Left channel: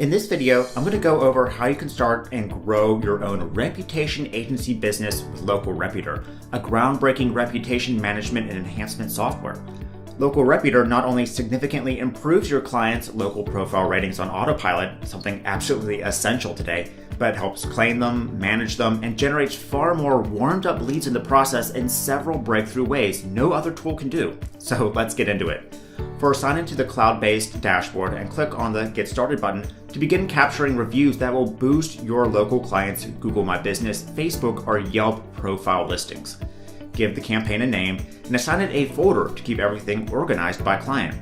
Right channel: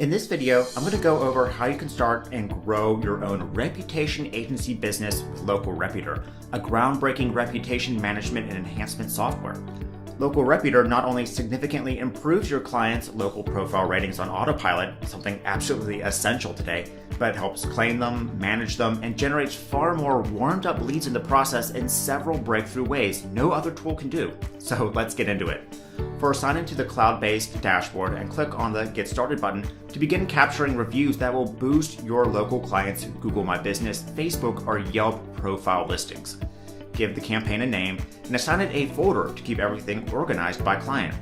In this video, I'm going to go over how you can start and grow your own reputation agency business with Local Reputor, a groundbreaking reputation management and enhancement software. Local Reputor not only significantly improves your clients' local profile ratings on autopilot, something absolutely essential today, but helps claim them, manage them, and generates far more warmed up leads in the process in several breakthrough ways no other tool can do. So let's get into it. First, sign into the cloud-based dashboard and click on the Get Started button to begin capturing reviews that will boost your local clients' Google My Business, Facebook, or Yelp profile listings. Give the campaign a name and assign it a folder to keep everything organized by client.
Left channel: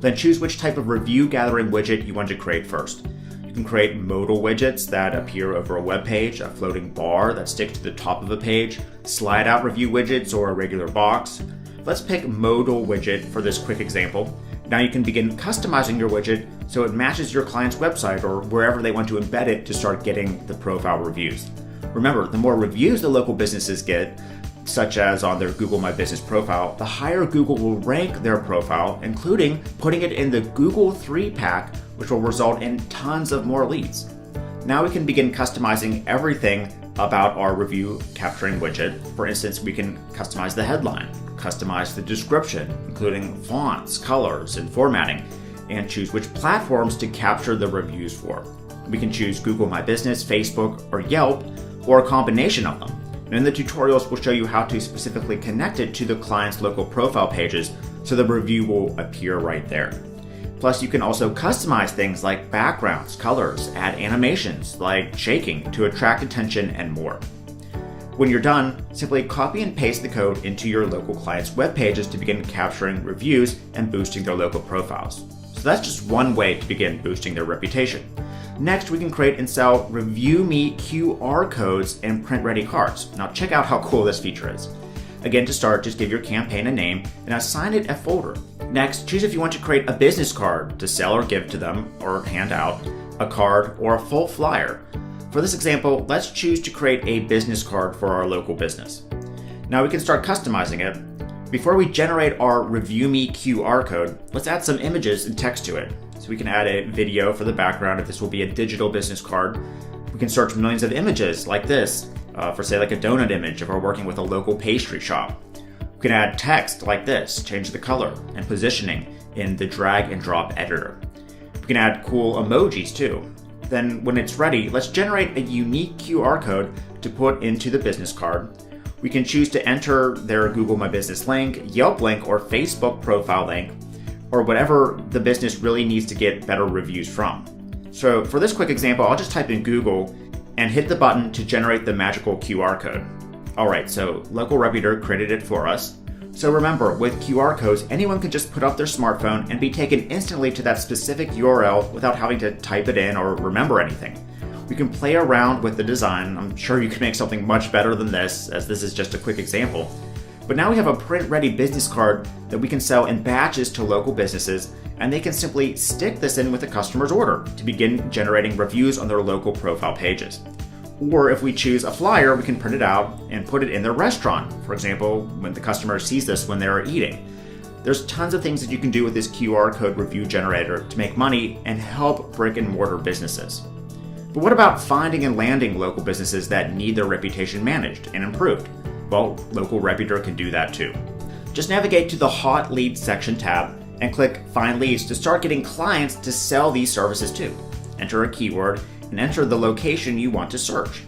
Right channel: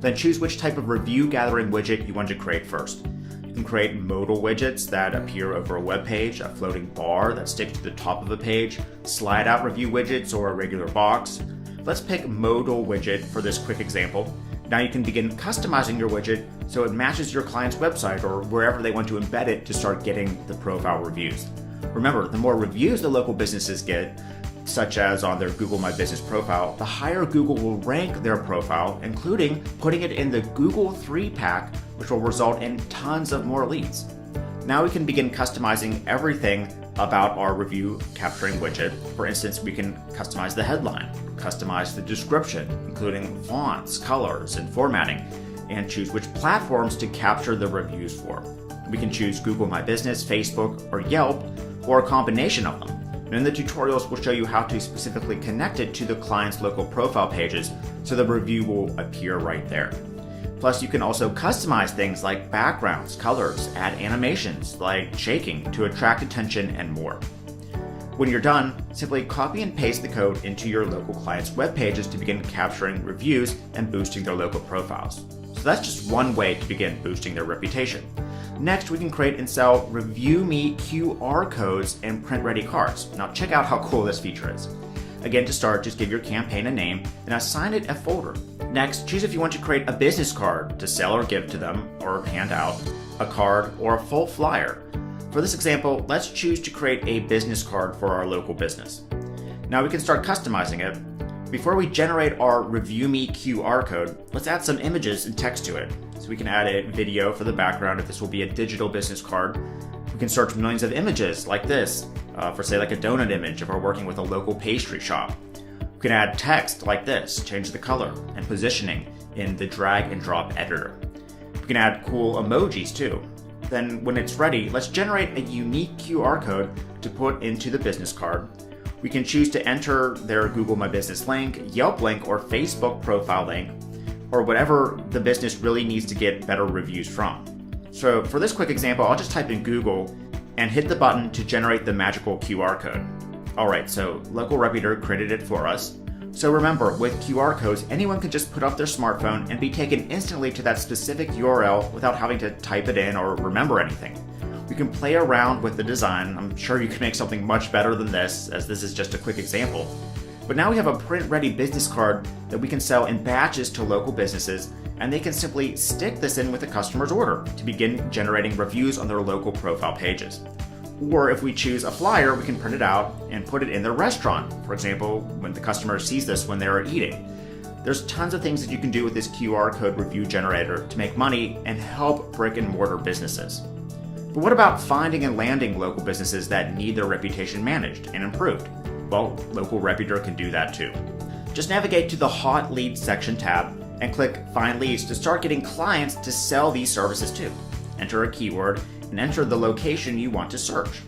Then choose which type of review gathering widget you want to create first. You can create modal widgets that appear over a web page, a floating bar that sticks to the top of a page, slide out review widgets, or a regular box. Let's pick modal widget for this quick example. Now you can begin customizing your widget so it matches your client's website or wherever they want to embed it to start getting the profile reviews. Remember, the more reviews the local businesses get, such as on their Google My Business profile, the higher Google will rank their profile, including putting it in the Google 3-pack, which will result in tons of more leads. Now we can begin customizing everything about our review capturing widget. For instance, we can customize the headline, customize the description, including fonts, colors, and formatting, and choose which platforms to capture the reviews for. We can choose Google My Business, Facebook, or Yelp, or a combination of them. And in the tutorials, we'll show you how to specifically connect it to the client's local profile pages so the review will appear right there. Plus, you can also customize things like backgrounds, colors, add animations like shaking to attract attention, and more. When you're done, simply copy and paste the code into your local client's web pages to begin capturing reviews and boosting their local profiles. So that's just one way to begin boosting their reputation. Next, we can create and sell Review Me QR codes and print-ready cards. Now check out how cool this feature is. Again, to start, just give your campaign a name and assign it a folder. Next, choose if you want to create a business card to sell or give to them, or hand out, a card, or a full flyer. For this example, let's choose to create a business card for our local business. Now we can start customizing it. Before we generate our Review Me QR code, let's add some images and text to it. So we can add a video for the background if this will be a digital business card. We can search millions of images like this, for say like a donut image if we're working with a local pastry shop. We can add text like this, change the color and positioning in the drag and drop editor. We can add cool emojis too. Then when it's ready, let's generate a unique QR code to put into the business card. We can choose to enter their Google My Business link, Yelp link, or Facebook profile link, or whatever the business really needs to get better reviews from. So for this quick example, I'll just type in Google and hit the button to generate the magical QR code. Alright, so Local Reputor created it for us. So remember, with QR codes, anyone can just put up their smartphone and be taken instantly to that specific URL without having to type it in or remember anything. We can play around with the design. I'm sure you can make something much better than this, as this is just a quick example. But now we have a print-ready business card that we can sell in batches to local businesses, and they can simply stick this in with the customer's order to begin generating reviews on their local profile pages. Or if we choose a flyer, we can print it out and put it in their restaurant. For example, when the customer sees this when they're eating. There's tons of things that you can do with this QR code review generator to make money and help brick and mortar businesses. But what about finding and landing local businesses that need their reputation managed and improved? Well, Local Reputor can do that too. Just navigate to the Hot Leads section tab and click Find Leads to start getting clients to sell these services to. Enter a keyword and enter the location you want to search.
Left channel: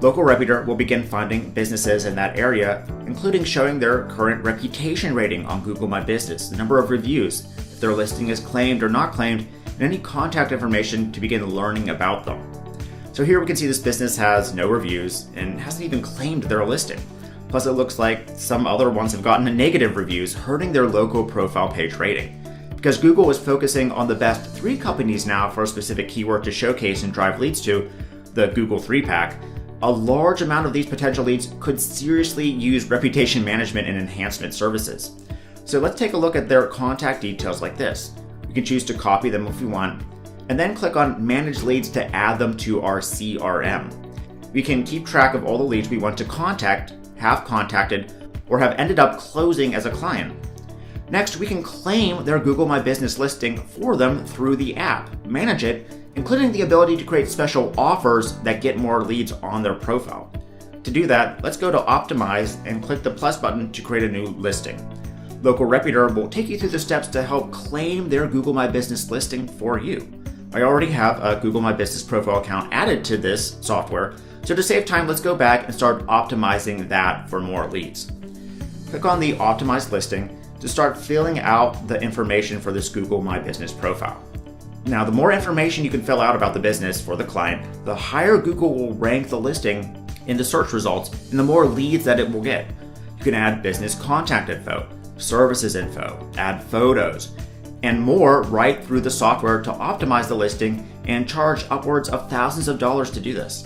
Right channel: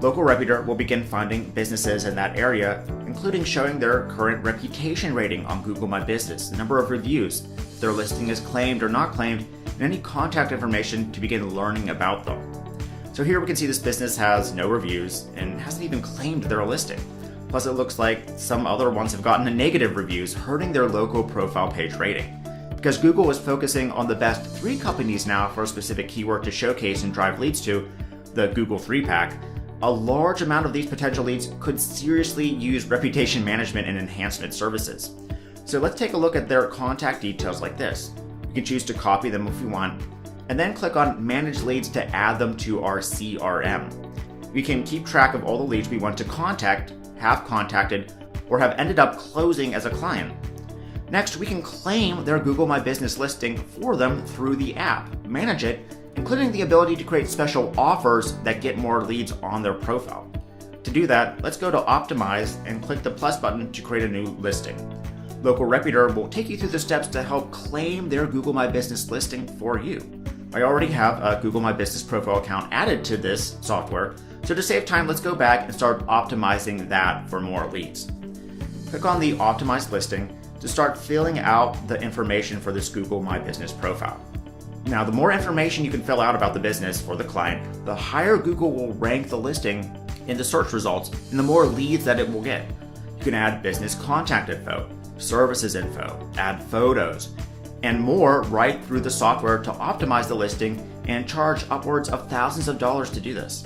Local Reputor will begin finding businesses in that area, including showing their current reputation rating on Google My Business, the number of reviews, if their listing is claimed or not claimed, and any contact information to begin learning about them. So here we can see this business has no reviews and hasn't even claimed their listing. Plus it looks like some other ones have gotten negative reviews, hurting their local profile page rating. Because Google is focusing on the best 3 companies now for a specific keyword to showcase and drive leads to, the Google 3-pack, a large amount of these potential leads could seriously use reputation management and enhancement services. So let's take a look at their contact details like this. You can choose to copy them if you want, and then click on Manage Leads to add them to our CRM. We can keep track of all the leads we want to contact, have contacted, or have ended up closing as a client. Next, we can claim their Google My Business listing for them through the app, manage it, including the ability to create special offers that get more leads on their profile. To do that, let's go to Optimize and click the plus button to create a new listing. Local Reputor will take you through the steps to help claim their Google My Business listing for you. I already have a Google My Business profile account added to this software, so to save time, let's go back and start optimizing that for more leads. Click on the Optimize listing to start filling out the information for this Google My Business profile. Now, the more information you can fill out about the business for the client, the higher Google will rank the listing in the search results and the more leads that it will get. You can add business contact info, services info, add photos, and more right through the software to optimize the listing and charge upwards of thousands of dollars to do this.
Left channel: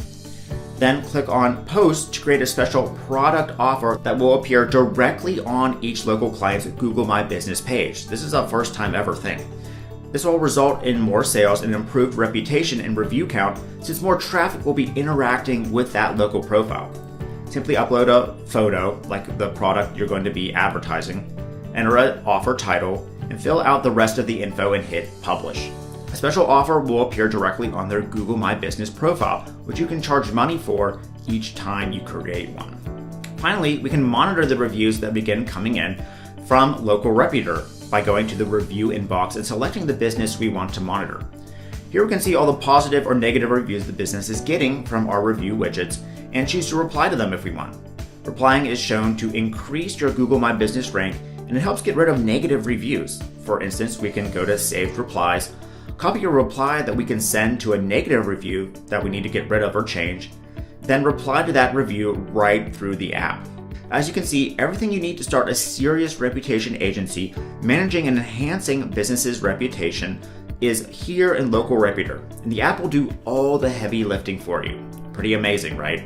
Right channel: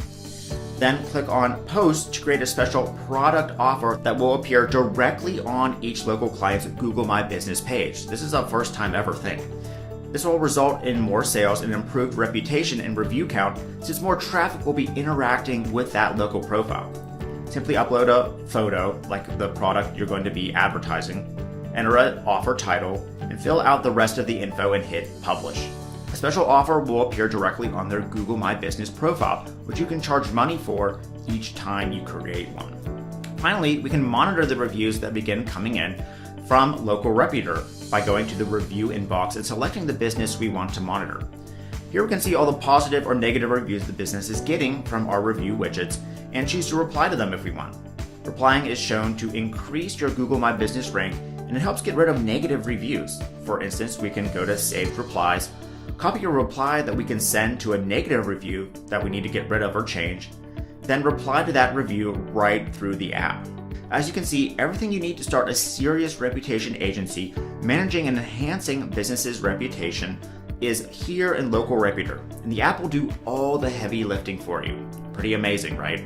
Then click on Post to create a special product offer that will appear directly on each local client's Google My Business page. This is a first time ever thing. This will result in more sales and improved reputation and review count, since more traffic will be interacting with that local profile. Simply upload a photo, like the product you're going to be advertising, enter an offer title, and fill out the rest of the info and hit Publish. A special offer will appear directly on their Google My Business profile, which you can charge money for each time you create one. Finally, we can monitor the reviews that begin coming in from Local Reputor by going to the review inbox and selecting the business we want to monitor. Here we can see all the positive or negative reviews the business is getting from our review widgets and choose to reply to them if we want. Replying is shown to increase your Google My Business rank, and it helps get rid of negative reviews. For instance, we can go to Saved Replies, copy a reply that we can send to a negative review that we need to get rid of or change, then reply to that review right through the app. As you can see, everything you need to start a serious reputation agency managing and enhancing businesses' reputation is here in Local Reputor, and the app will do all the heavy lifting for you. Pretty amazing, right?